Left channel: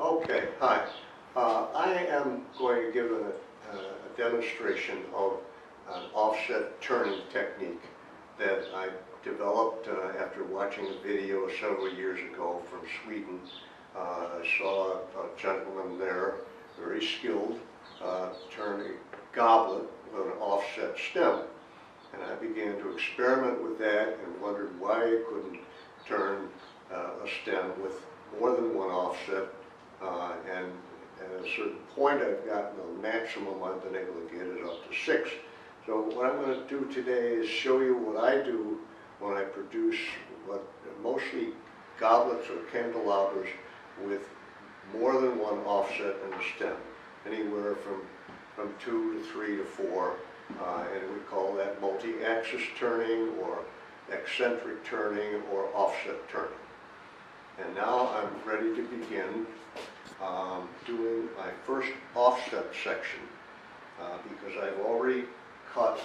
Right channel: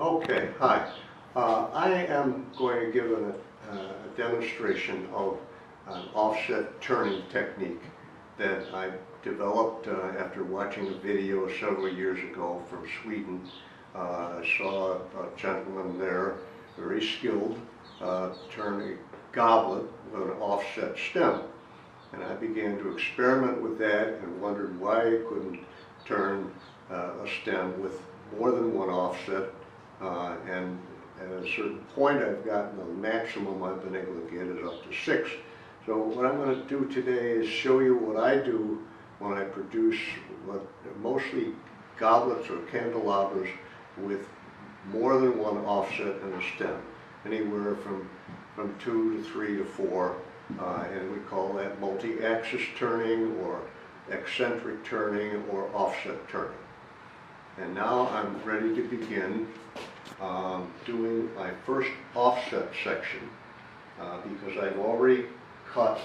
Okay, hi. I am going to give a demonstration of an offset turning technique that I developed after watching a video several years ago from Sweden. I saw a gentleman there, very skilled, turn a goblet with an offset stem. And I began to experiment with that and wondered why I couldn't turn a stem with more than one offset. And at a certain point I've gotten the maximum I've been able to get is up to 6. So what I'm going to do today is show you what I do when I produce mostly goblets or candelabras with more than one offset in the stem, anywhere from 2 to 3 to 4, and we call that multi-axis turning or eccentric turning or offset turning. And now I'm ready to begin doing my first offset section because I've already cut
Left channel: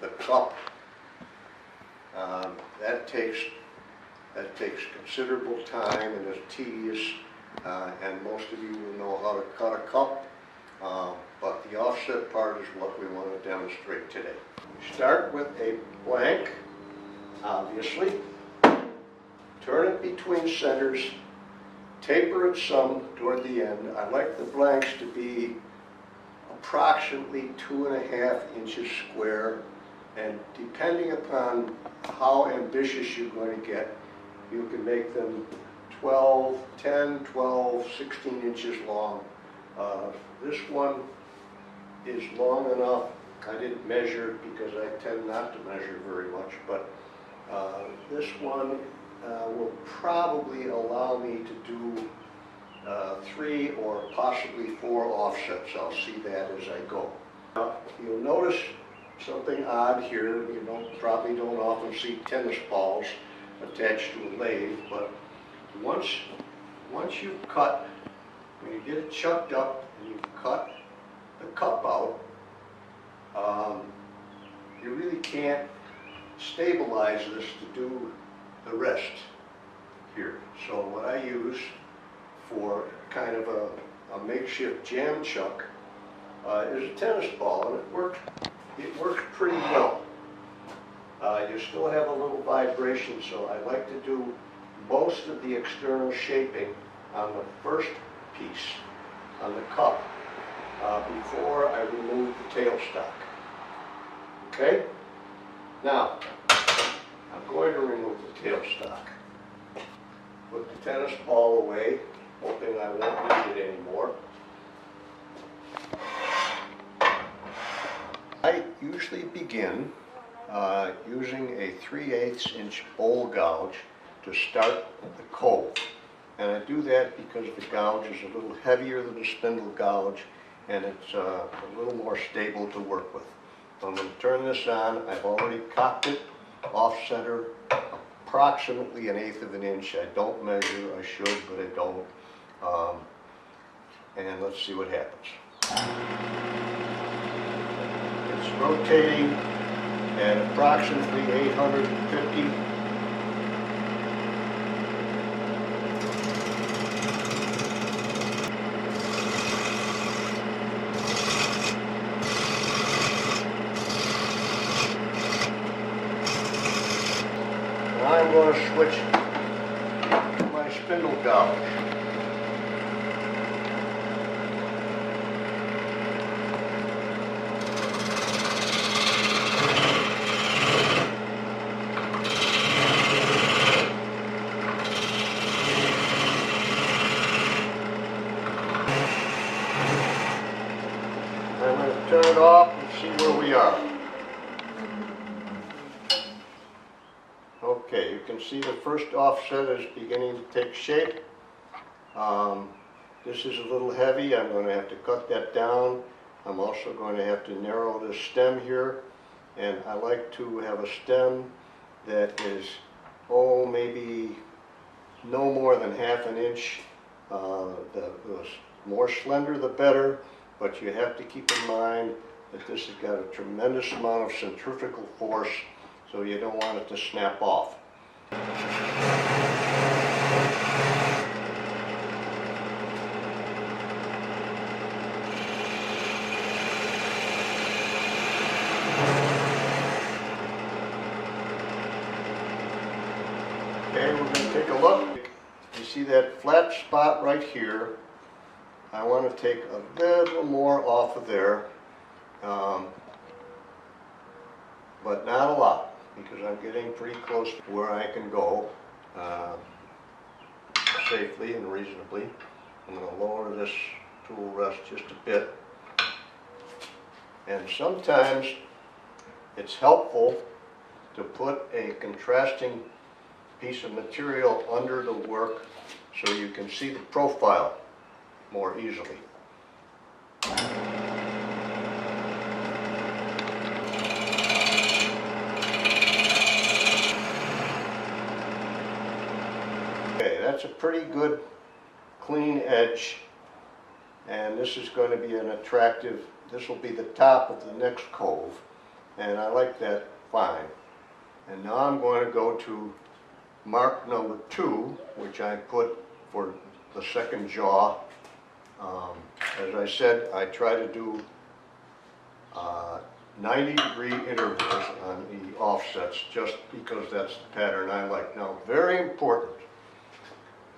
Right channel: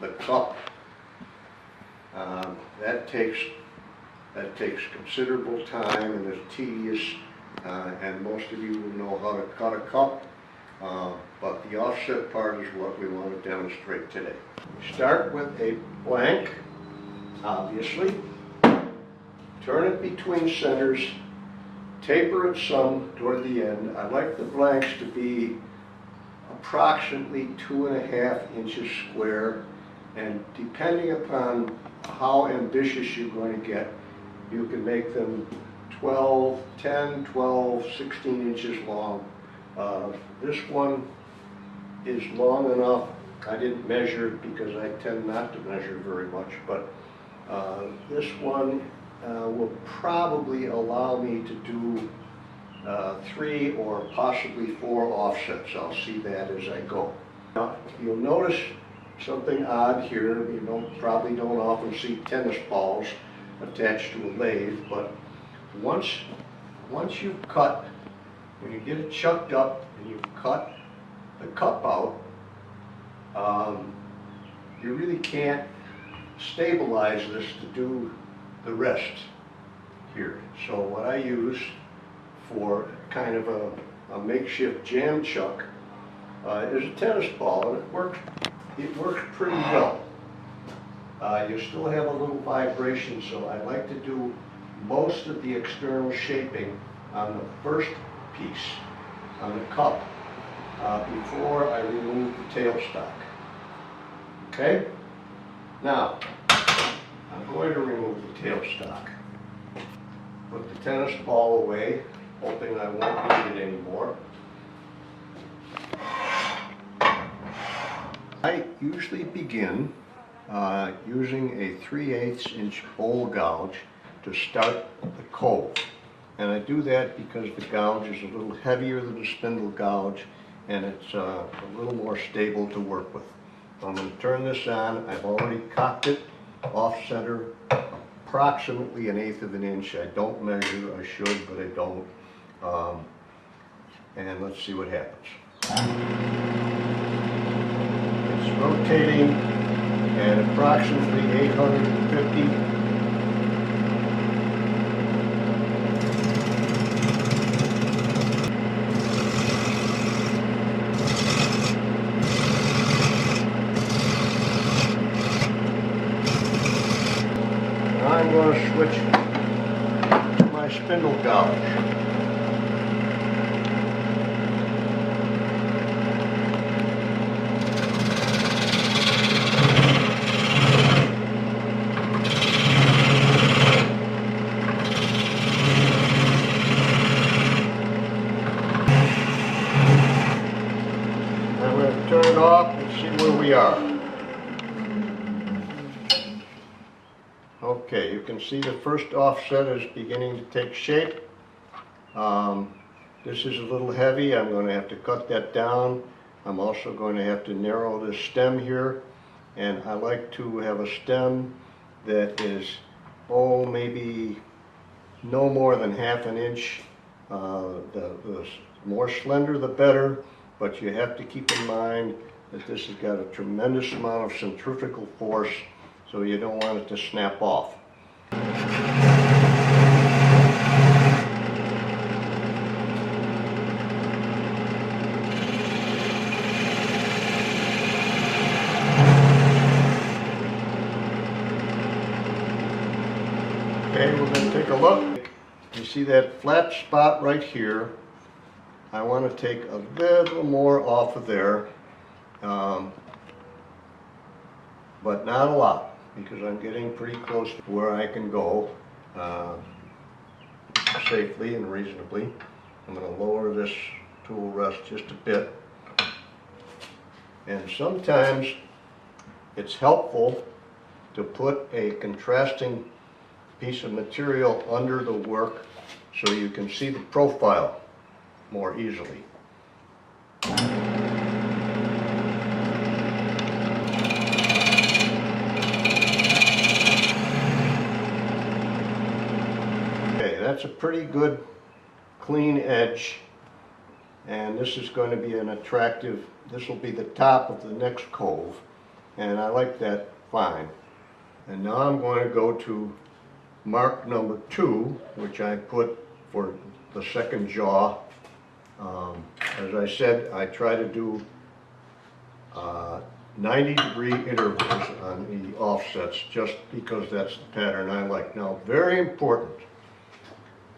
the cup. That takes considerable time and is tedious, and most of you will know how to cut a cup, but the offset part is what we want to demonstrate today. We start with a blank, obviously. Turn it between centers, taper it some toward the end. I like the blanks to be approximately 2.5 inches square, and depending upon how ambitious you're going to get, you can make them 10, 12, 16 inches long. This one is long enough. I didn't measure it because I tend not to measure very much, but this one will probably allow me to do 3 or possibly 4 offsets. I'll see that as I go. Now, you'll notice something odd here. You probably don't often see tennis balls attached to a lathe, but once you've cut, when you get it chucked up and you cut the cup out, you really can't stabilize this to do the rest here. So what I use for kind of a makeshift jam chuck is a tennis ball, and it works pretty well. You still have a little vibration, so I like to do most of the external shaping on the first piece, on the cup, before I remove the tailstock. Okay? Now, I'm going to remove the tailstock. Put the tennis ball away, hoping I won't need it anymore. I usually begin using a 3/8 inch bowl gouge to start the cove. And I do that because the gouge is a little heavier than the spindle gouge, and it's a little more stable to work with. I'm going to turn this on. I've already cocked it off center, approximately 1/8 of an inch. I don't measure. I should, but I don't. And let's see what happens. It's rotating at approximately 850. I'm going to switch to my spindle gouge. I'm going to turn it off and see where we are. Okay, you can see the first offset is beginning to take shape. This is a little heavy. I'm going to have to cut that down. I'm also going to have to narrow this stem here. And I like to have a stem that is, maybe no more than 1/2 inch. The more slender the better, but you have to keep in mind that this has got a tremendous amount of centrifugal force, so you don't want it to snap off. a look. You see that flat spot right here? I want to take a little more off of there, but not a lot, because I'm getting pretty close to where I can go safely and reasonably. I'm going to lower this tool rest just a bit. And sometimes it's helpful to put a contrasting piece of material under the work so you can see the profile more easily. Okay, that's a pretty good clean edge, and this is going to be an attractive, this will be the top of the next cove, and I like that fine. And now I'm going to go to mark number 2, which I put for the second jaw. As I said, I try to do 90-degree intervals on the offsets just because that's the pattern I like. Now, very important,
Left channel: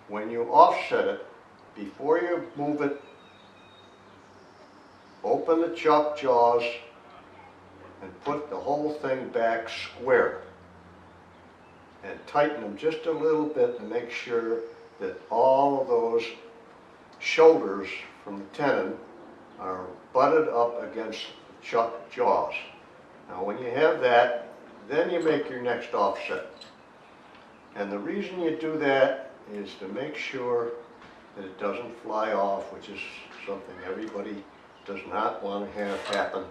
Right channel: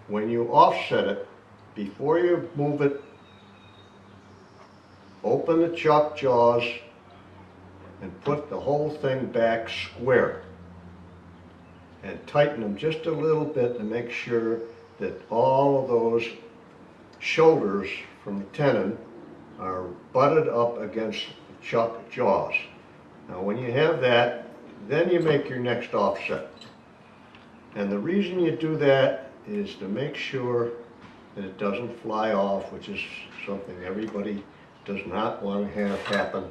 when you offset it, before you move it, open the chuck jaws and put the whole thing back square. And tighten them just a little bit to make sure that all of those shoulders from the tenon are butted up against the chuck jaws. Now when you have that, then you make your next offset. And the reason you do that is to make sure that it doesn't fly off, which is something everybody does not want to have happen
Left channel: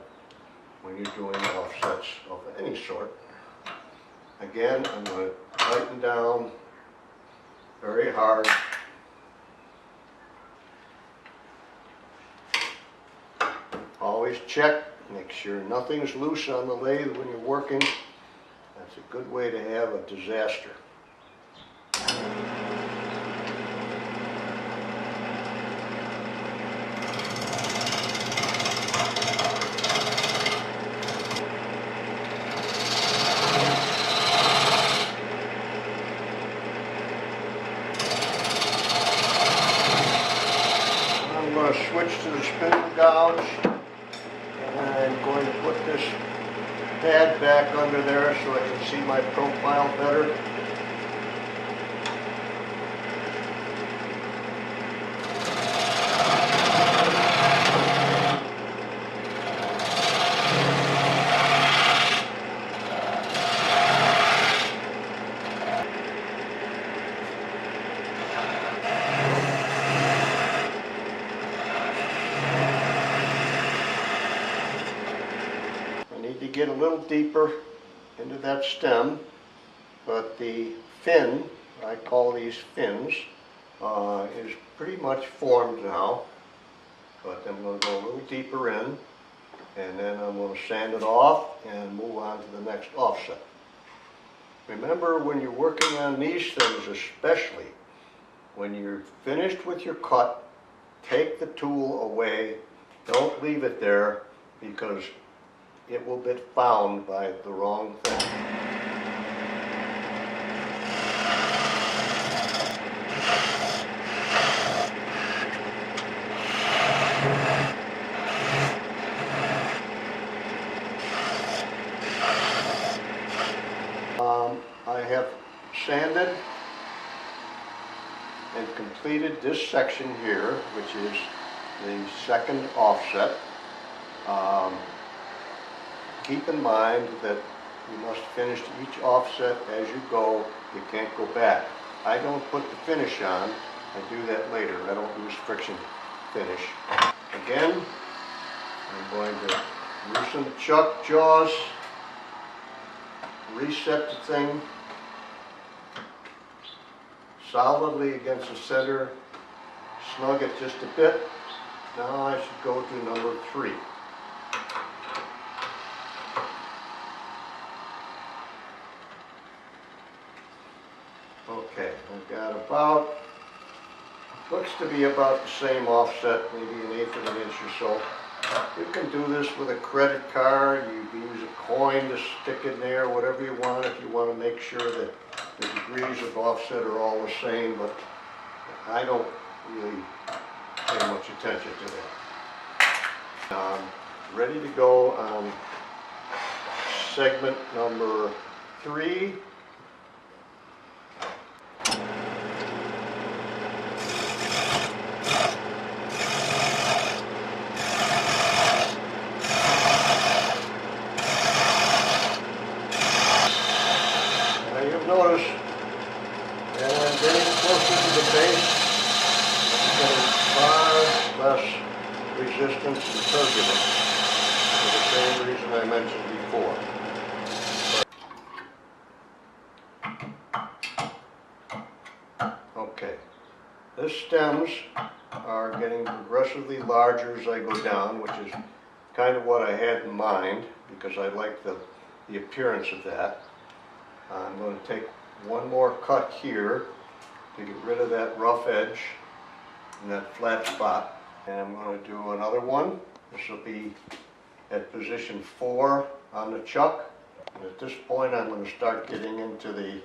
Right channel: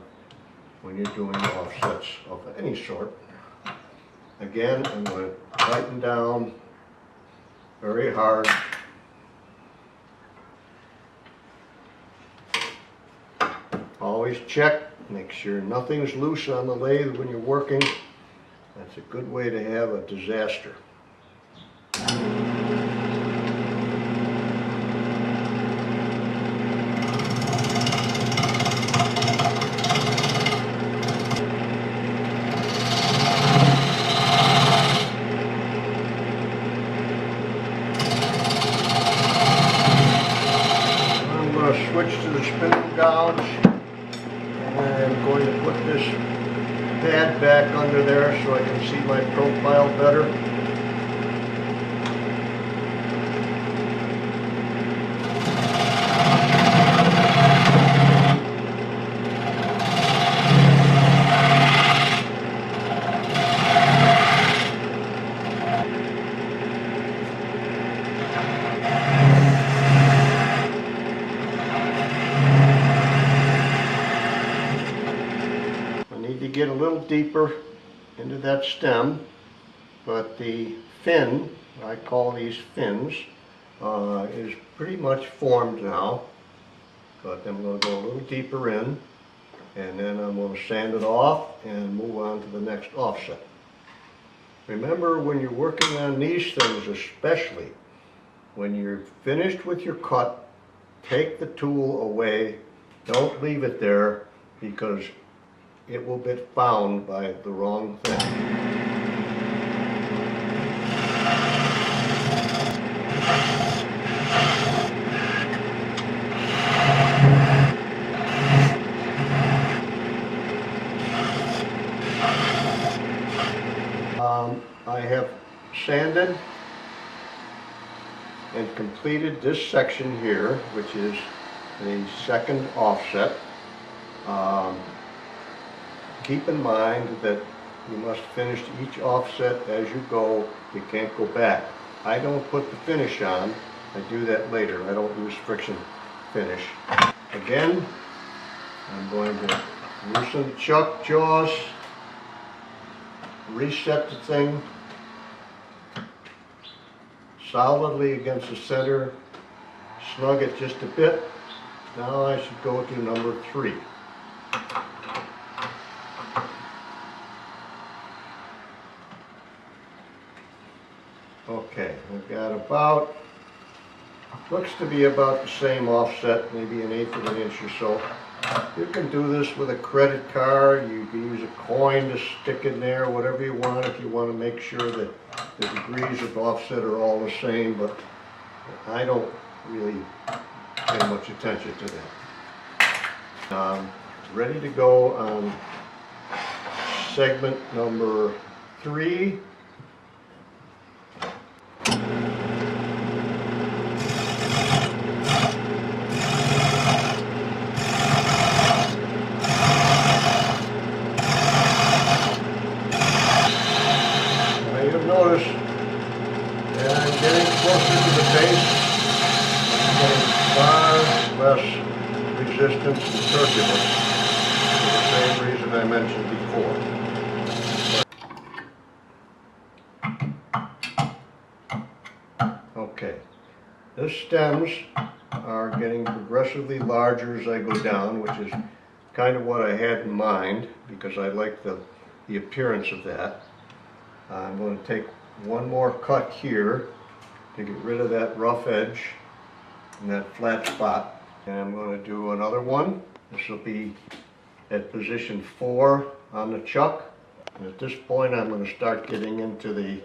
when you're doing offsets of any sort. Again, I'm going to tighten down very hard. Always check, make sure nothing's loose on the lathe when you're working. That's a good way to have a disaster. Switch to the spindle gouge, and I'm going to put this pad back under there so I can see my profile better. Get a little deeper into that stem, but the fin, I call these fins, is pretty much formed now, but I'm going to go a little deeper in, and then I'm going to sand it off and move on to the next offset. Remember, when you're working on these things, especially when you're finished with your cut, take the tool away. Don't leave it there, because it will get found by the wrong thing. I have sanded and completed this section here, which is the second offset. Keep in mind that you must finish each offset as you go. You can't go back. I don't put the finish on. I do that later. I don't use friction finish. Again, I'm going to loosen the chuck jaws, reset the thing solidly against the center, snug it just a bit. Now I should go to number 3. Okay, I've got looks to be about the same offset, maybe 1/8 of an inch or so. You can do this with a credit card. You can use a coin to stick in there, whatever you want, if you want to make sure that the degrees of offset are all the same, but I don't really pay much attention to that. Ready to go on segment number 3. Notice that I'm getting closer to the base, I'm getting far less resistance and turbulence for the same reason I mentioned before. Okay, the stems are getting progressively larger as I go down, which is kind of what I had in mind because I like the appearance of that. I'm going to take one more cut here to get rid of that rough edge and that flat spot. And I'm going to do another one. This will be at position 4 on the chuck. And at this point I'm going to start getting into the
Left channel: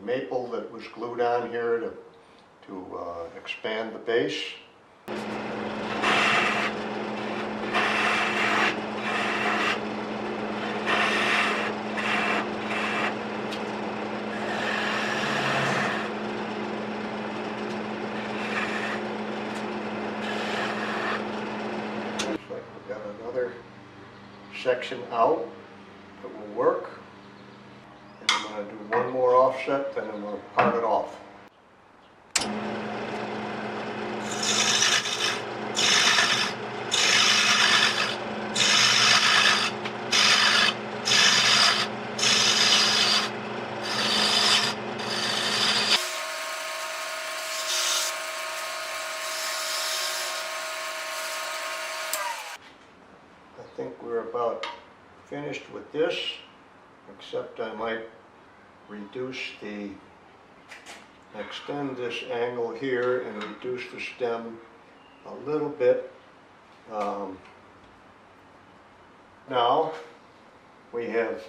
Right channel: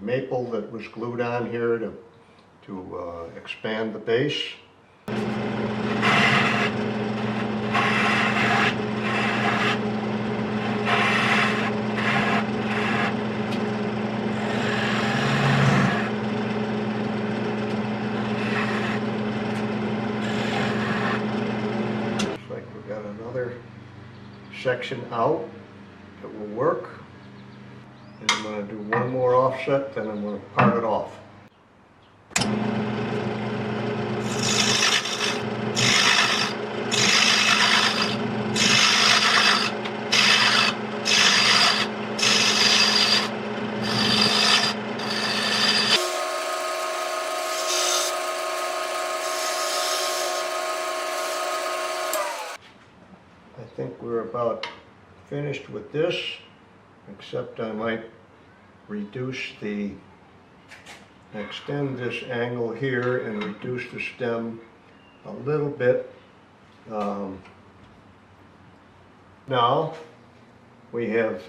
maple that was glued on here to expand the base. Got another section out that will work, and I'm going to do one more offset, then I'm going to part it off. I think we're about finished with this, except I might extend this angle here and reduce the stem a little bit. Now we have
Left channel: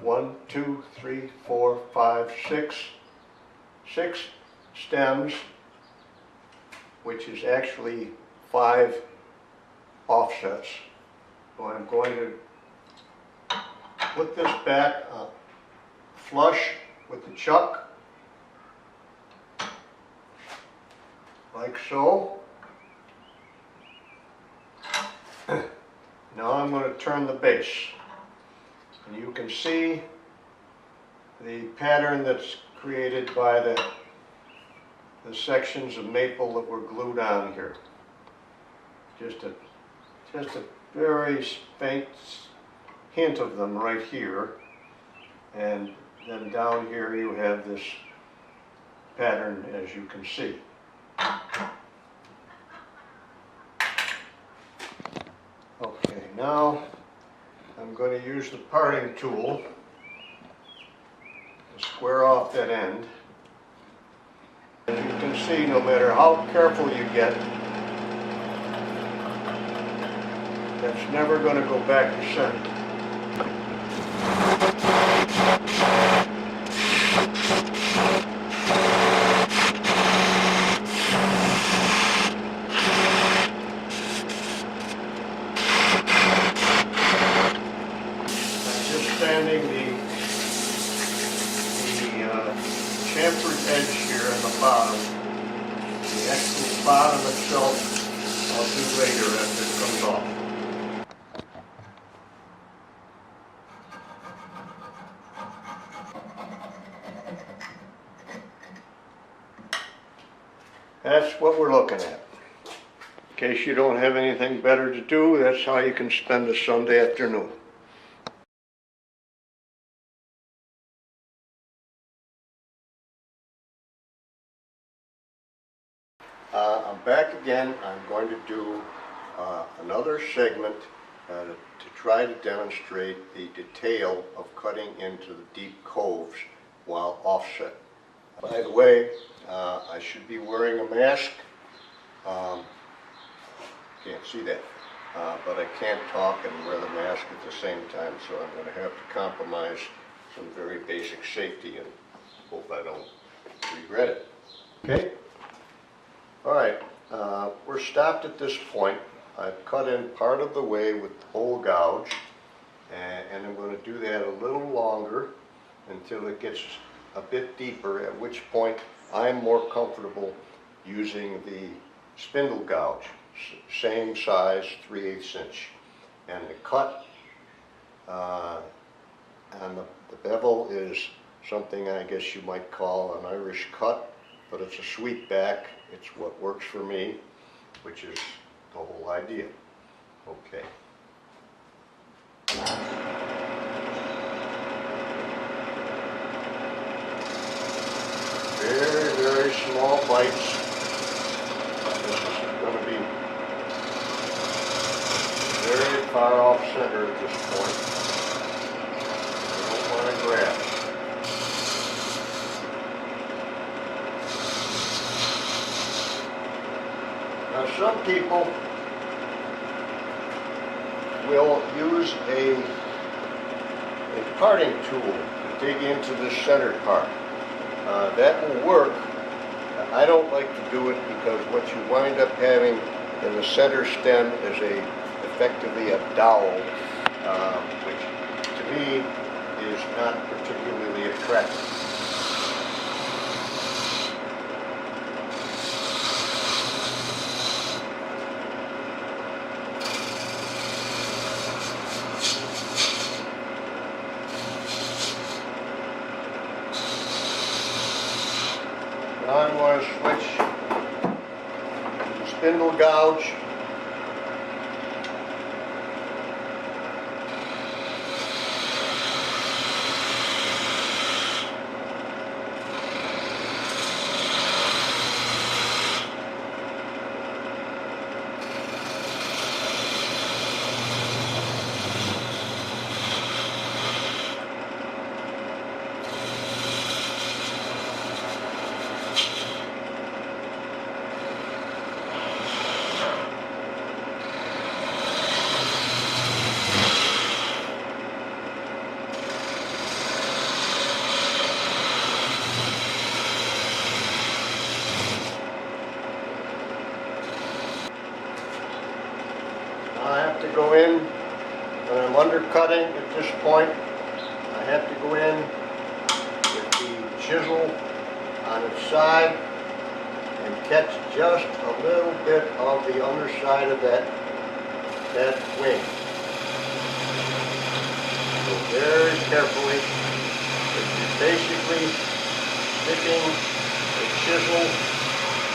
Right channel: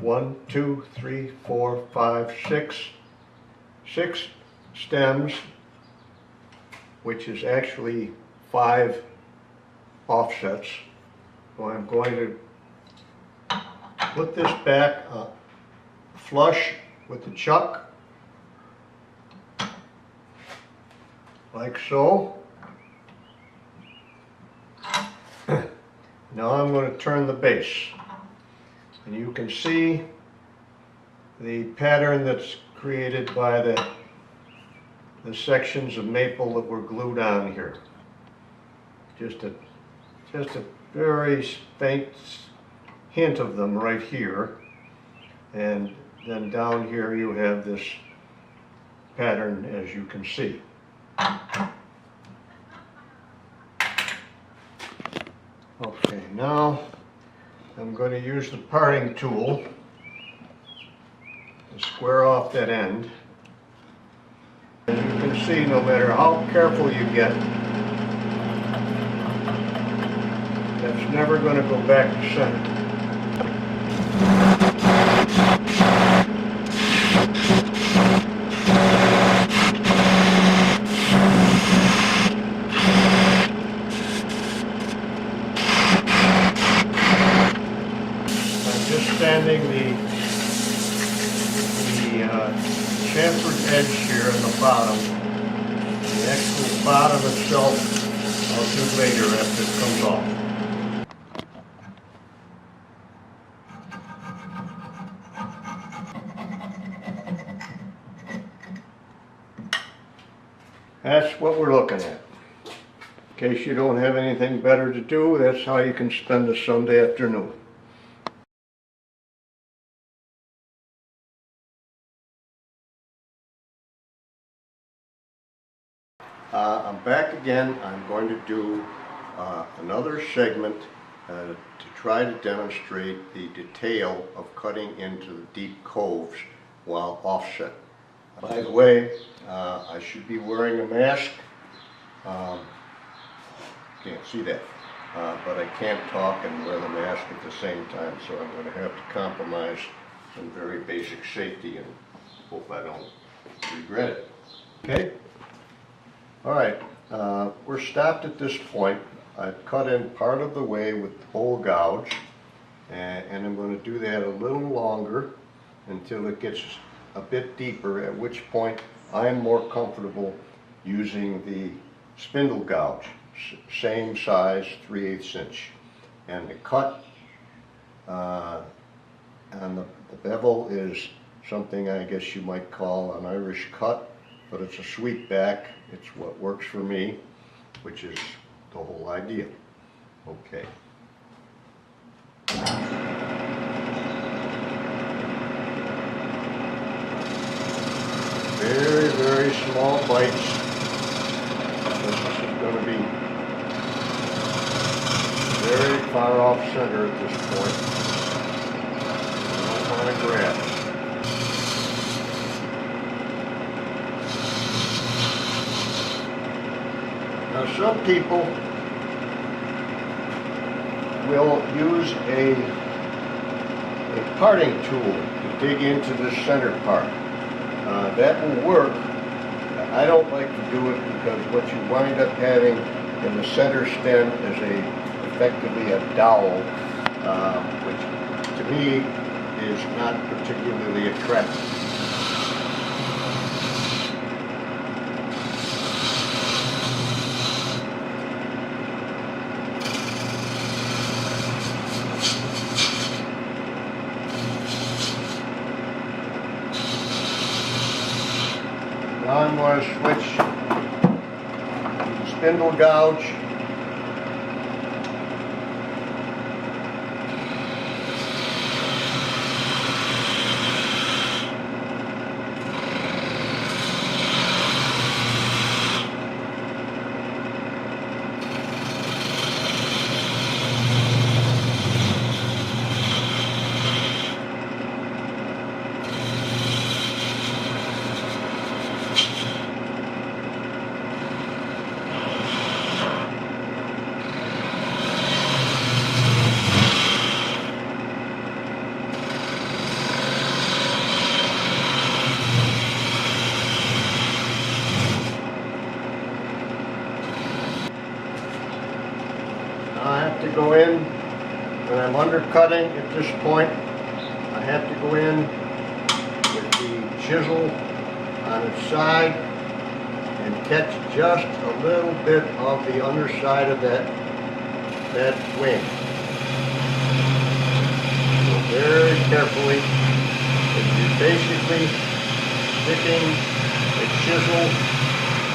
1, 2, 3, 4, 5, 6 stems, which is actually 5 offsets. So I'm going to put this back flush with the chuck, like so. Now I'm going to turn the base, and you can see the pattern that's created by the sections of maple that were glued on here. Just a very faint hint of them right here, and then down here you have this pattern, as you can see. Okay, now I'm going to use the parting tool to square off that end. As you can see, no matter how careful you get, it's never going to go back to center. I'm just sanding the chamfered edge here in the bottom. The actual bottom itself I'll do later after it comes off. That's what we're looking at. In case you don't have anything better to do, that's how you can spend a Sunday afternoon. I'm back again. I'm going to do another segment to try to demonstrate the detail of cutting into the deep coves while offset. By the way, I should be wearing a mask. can't see that. But I can't talk and wear the mask at the same time, so I'm going to have to compromise some very basic safety and hope I don't regret it. Okay? All right, we're stopped at this point. I've cut in part of the way with the hole gouge, and I'm going to do that a little longer until it gets a bit deeper, at which point I'm more comfortable using the spindle gouge, same size, 3/8 inch. And the cut on the bevel is something I guess you might call an Irish cut, but it's a sweep back. It's what works for me, which is the whole idea. Okay. Very, very small bites. This is going to be very far off center at this point. You don't want to grab it. Now some people will use a parting tool to dig into the center part. That will work. I don't like to do it because what you wind up having in the center stem is effectively a dowel, which to me is not particularly attractive. Now I'm going to switch to the spindle gouge. I have to go in, when I'm undercutting at this point, I have to go in with the chisel on its side and catch just a little bit of the underside of that wing. So very carefully, you're basically sticking the chisel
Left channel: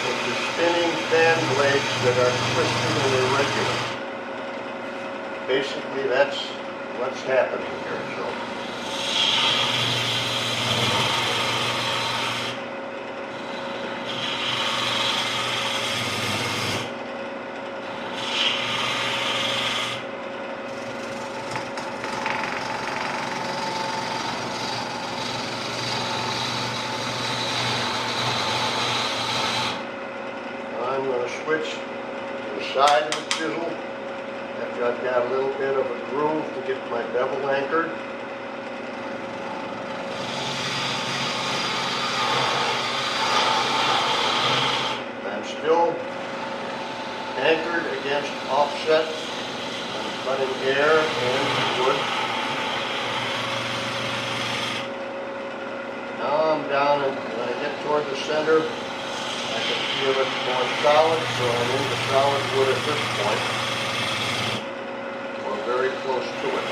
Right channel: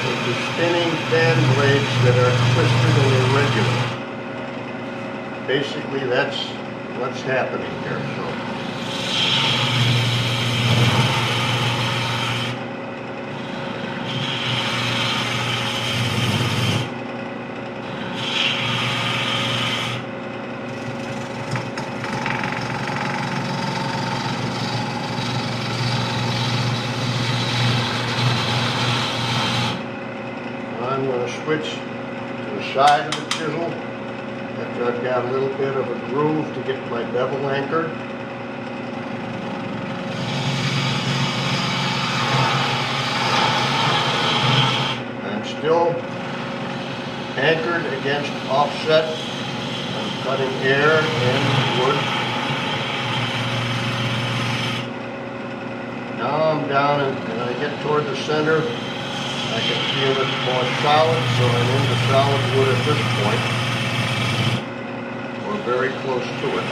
into spinning fan blades that are twisted and irregular. Basically, that's what's happening here. I'm going to switch to the side of the chisel. After I've got a little bit of a groove to get my bevel anchored. I'm still anchored against offset. I'm cutting air and wood. Now I'm down and I get toward the center. I can feel it more solid, so I'm in the solid wood at this point. Very close to it.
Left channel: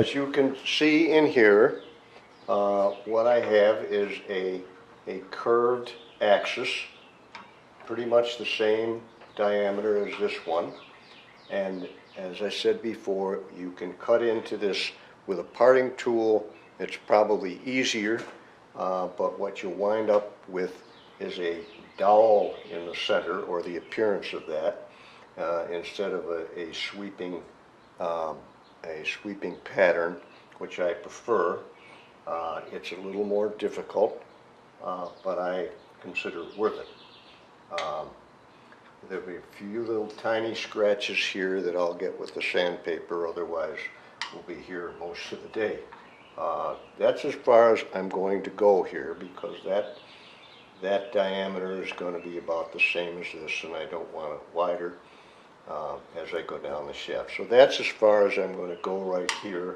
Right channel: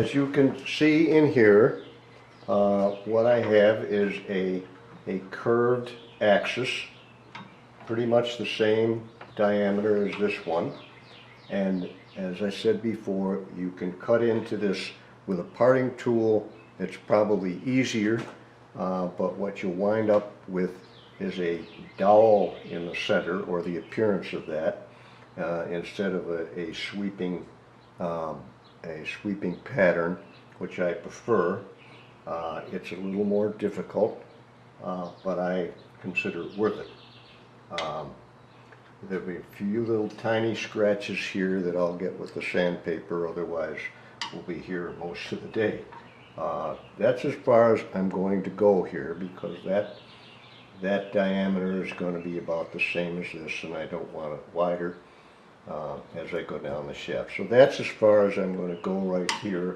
as you can see in here, what I have is a curved axis, pretty much the same diameter as this one. And as I said before, you can cut into this with a parting tool. It's probably easier, but what you'll wind up with is a dowel in the center, or the appearance of that, instead of a sweeping pattern, which I prefer. It's a little more difficult, but I consider it worth it. There'll be a few little tiny scratches here that I'll get with the sandpaper, otherwise we'll be here most of the day. That's as far as I'm going to go here, because that diameter is going to be about the same as this, and I don't want it wider as I go down the shaft. So that's as far as I'm going to go right here.